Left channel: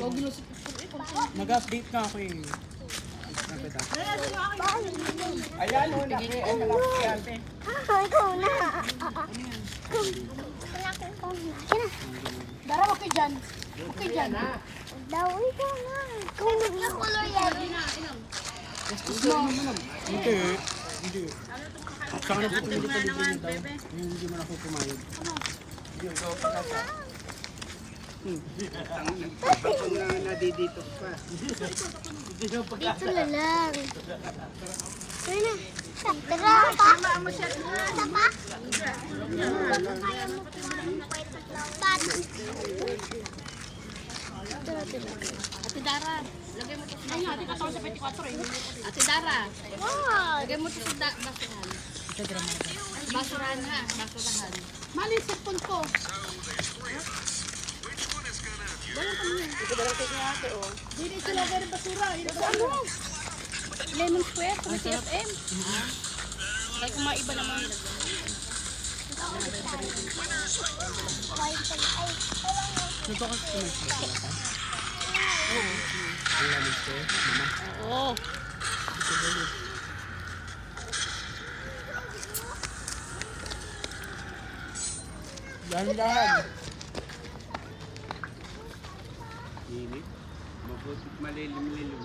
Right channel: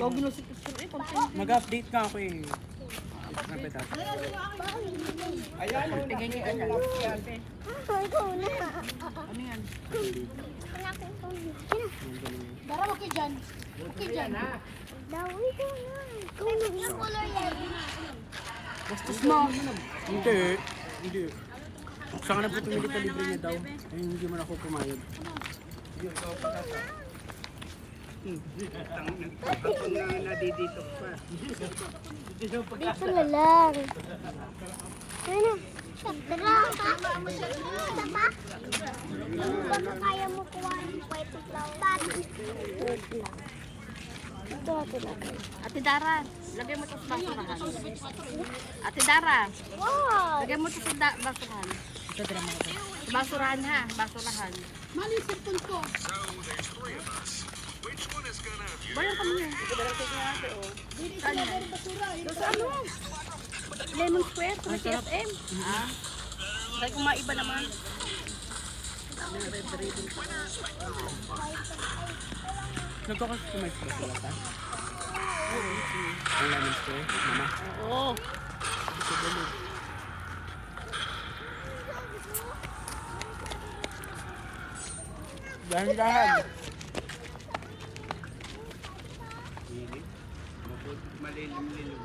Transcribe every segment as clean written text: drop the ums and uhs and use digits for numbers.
Nag-update na ako eh. Ayan, Pagiging ano. Ikaw na. Ano yan? Dara, okay dyan. Okay dyan. Daw, ikaw na. Yung color yan. Bastos mo. Hindi. Hindi. Saka na po pumilit na libre niya daw. Ayun, hindi man ako pumayag. nadidito ka. Dito na lang. Ano? Tara pa. Isa pa? Kaya mo kuha ng pwede bat. Ate Dara, lagay mo ito sa basurahan. Ate Dara, Wow. lagay mo ito sa basurahan. Ito, drama ka. Sa basurahan ha, basurahan. Mali sa punto. Bayan kami niya. Ito ba lang sa inyo ate o? Saan yan? Ano? Lemon square, Ang sarap. Ah? Try kung maiba naman. Nagkakakumain sila sila ta? Oo. Ang lemon square, mama. Oo. Ito balot. Dahan-dahan. Init. Mabutit malilim-lilim.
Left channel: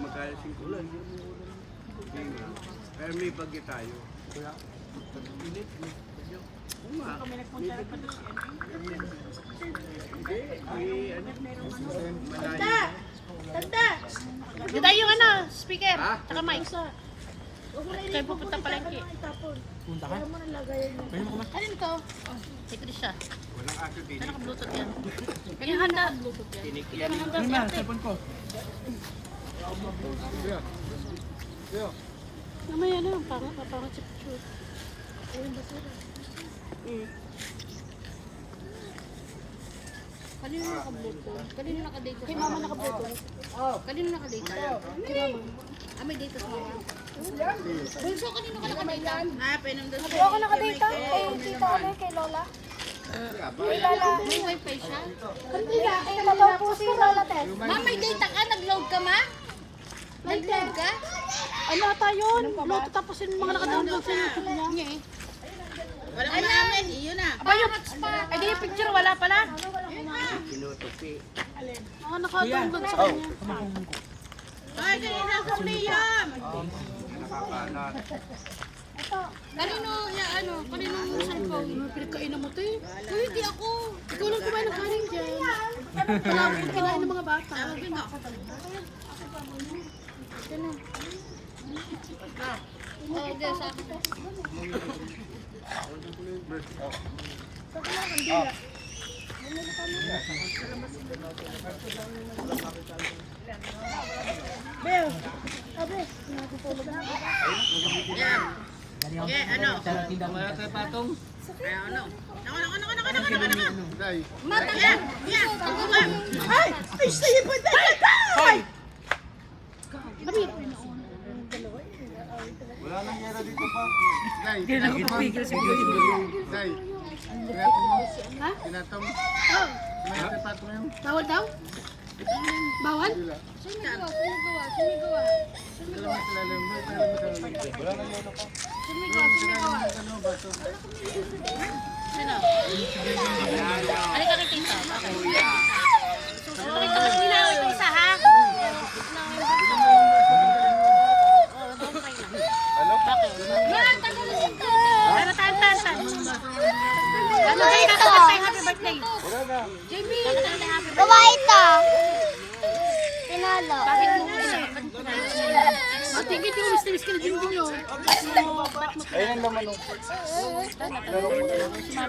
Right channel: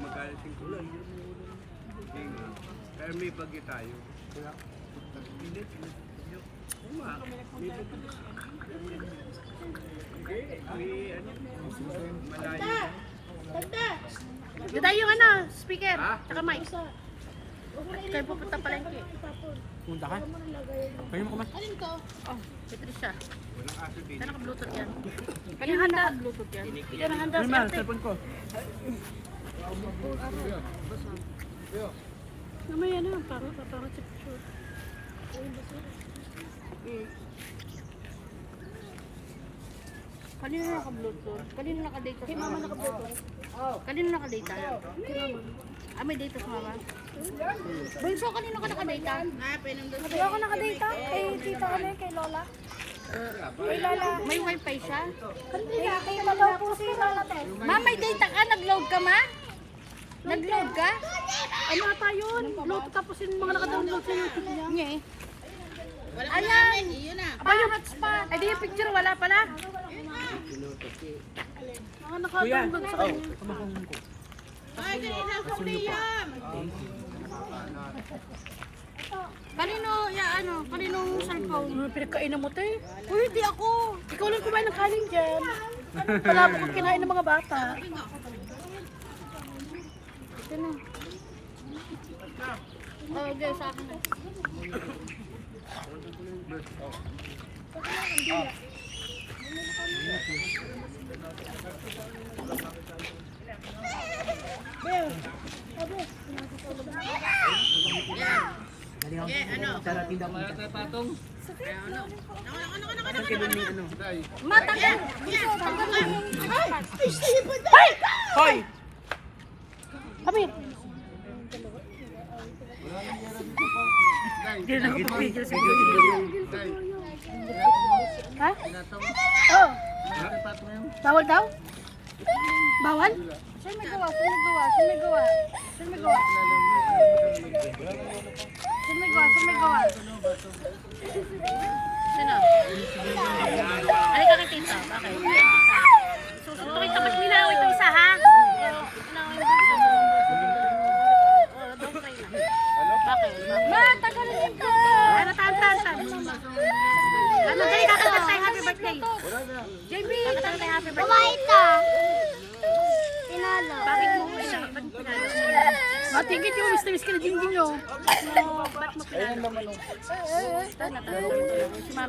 Magalasing kulay. Pero may bagyo tayo. Init. Tanda! Di tayo yung ano, speaker, tsaka mic. Kayo pupunta palengke. Punta ka? Pwede mo kumain? Ano ito? Oh, kay Trisha. Saan naka-bluetooth yan? Kaya handa. Bluetooth yan. Kaya handa Ano si na, ate. cellphone ko. Mamaya na, parang chip-chip. Kanino naka-bluetooth? Kanino naka-data? Kay mama naka-bluetooth. Kanino naka-data? Kay mama. Ah, may data sa mama? Bunso, kanino ka naka-data? Hindi ako nakadata kay tita ano kay Lola. Kay Lola. May wifi siya? Hindi, kay daw po si Lola Tess. Ma, may data ka? Nag-load ka, ma? Nag-load ka? Ano ata yun? Bluetooth tapos yung mga nakadownload sa YouTube niya. Nga eh. Ayan! Aba yung hotspot. Ay, di yung picture, wala pala. Mga Kuya, nakadownload sa kanya. kumakong ko. Kanino, ya ano, kaninong cellphone? Pinagkainan mo tayo. Uy, hindi ako. Ikaw lang kumain ng kanin dyan. Palabo kong kinain ng mga bata. Sino? Oh, hindi, sa akin na. Dali ako. Sa tinda punta. Saan kayo may ano? Matanggal, bunso, tanggalin mo yung hotspot. Hoy! Kapit. Hindi na ako papigil sa video. Ha? Oo. Bawal daw? Bawal? Saan may gawa? Saan may gawa? Saan may gawa? Saan may gawa? Saan may gawa? Saan may gawa? Sino? Ano ka kay tita? Bakit? Pakita mas ninaway ito isa ha? Bakit? Ma, tagalin yung bluetooth! Ano, tan. Ano kayo kakanta tayo happy birthday? Jamie, kakanta tayo happy birthday. Gawa ito. Tinalo. Bakit mo pinalo? Matigit yung mister-miss ka na ding-ding no. Ba't mo pinalo?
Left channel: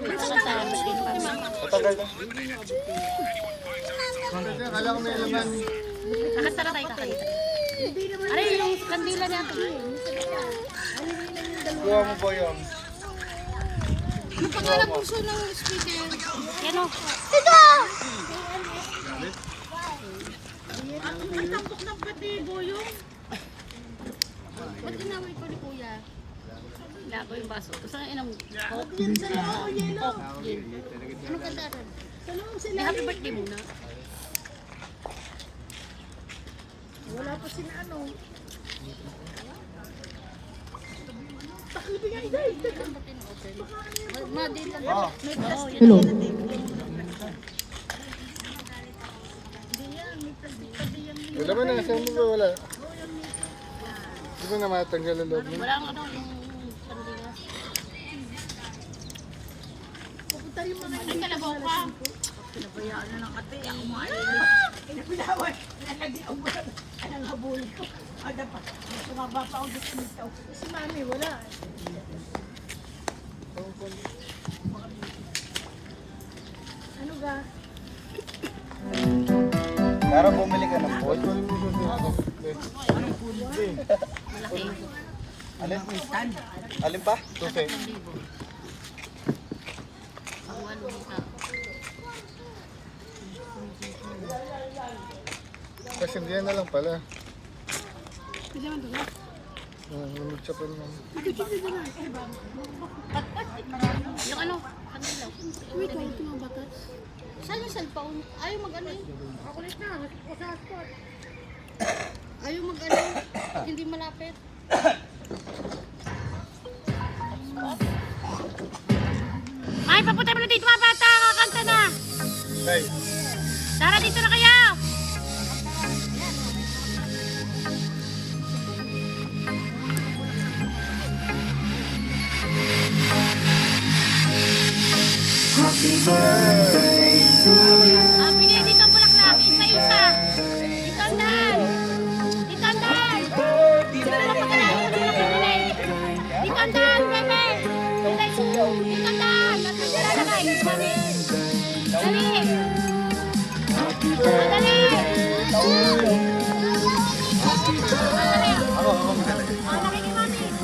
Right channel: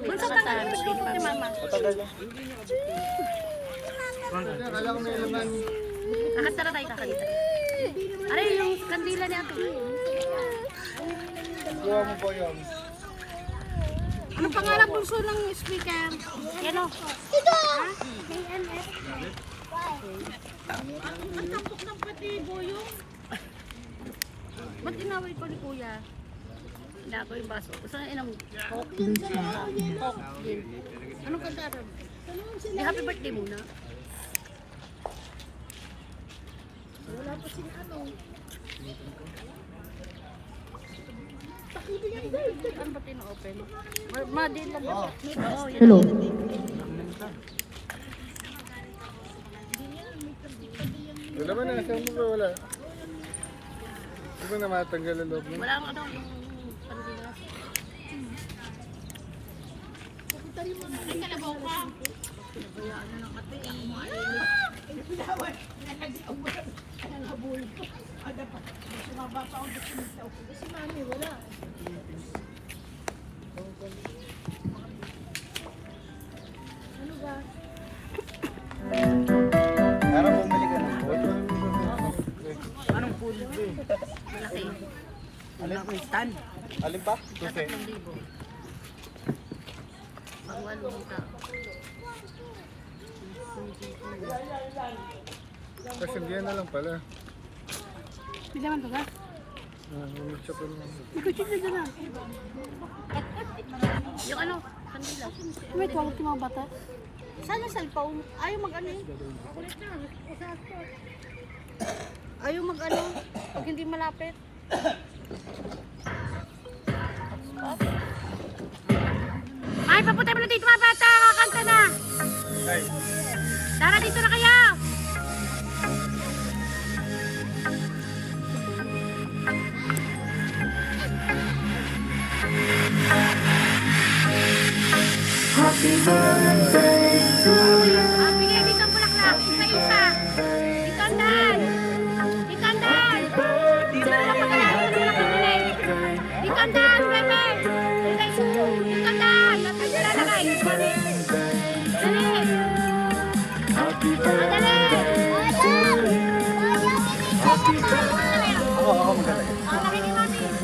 Bunso, tagalin yung bluetooth ni mama. Kakanta na tayo kakanta. Aray, yung kandila ni ate. Kuha mo po yun. Ano pangalan bunso ng speaker? Yan o. Ito! Ba't inaway ko ni kuya? Inago yung baso. Gusto nga inam. Coke din. Coke din. Anong kantaran? Di happy birthday muna. Wala pa sila ano. Ano ba tina-open? Ma-deal lang ba? May basket. Hello. Wala man na, saan mo ba wala? Di ba na matanggal ang loob mo? Wala ang ano, yung pandila. Si mami, wala. Ano ba? Para bumili ka ng pool. Anong pool? Malaki. Ano ako yung stand? Alin ba? Okay. 3,000. Pagwaluhan ka. Kasi hindi yan na lang pala. Hindi naman to ba? Umitsya pa naman. Ikuchip na dyan na. Yung ano, kandila. Wait, wala ko mga bata. Saan yung cellphone? Ayaw mag-ano yun. Ayaw mag-ano. Pag hindi malapit. Ay, papunta mo na dito mga bata. Kakanta na. Guys, Tara, dito na kayo. Ah, pili dito ang bulaklak. Isa-isa. Dito ang daan. Dito ang daan. Dito ang daan. Dito ang daan, bebe. Dito ang daan. Dito ang daan. ako maglalagay.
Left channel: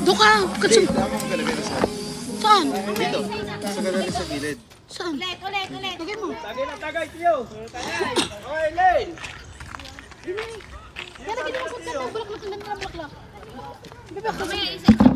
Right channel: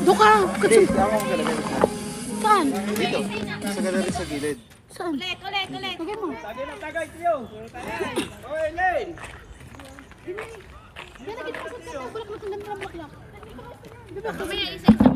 Doon ka! Katsum! Ako maglalagay sa Saan? dito. Sa gallery sa gilid. Saan? Ulit. Lagay mo. Tagay na tagay, tiyo. Okay, Lane. Pero ginawa ko ito. Bulaklak. Mamaya isa-isa.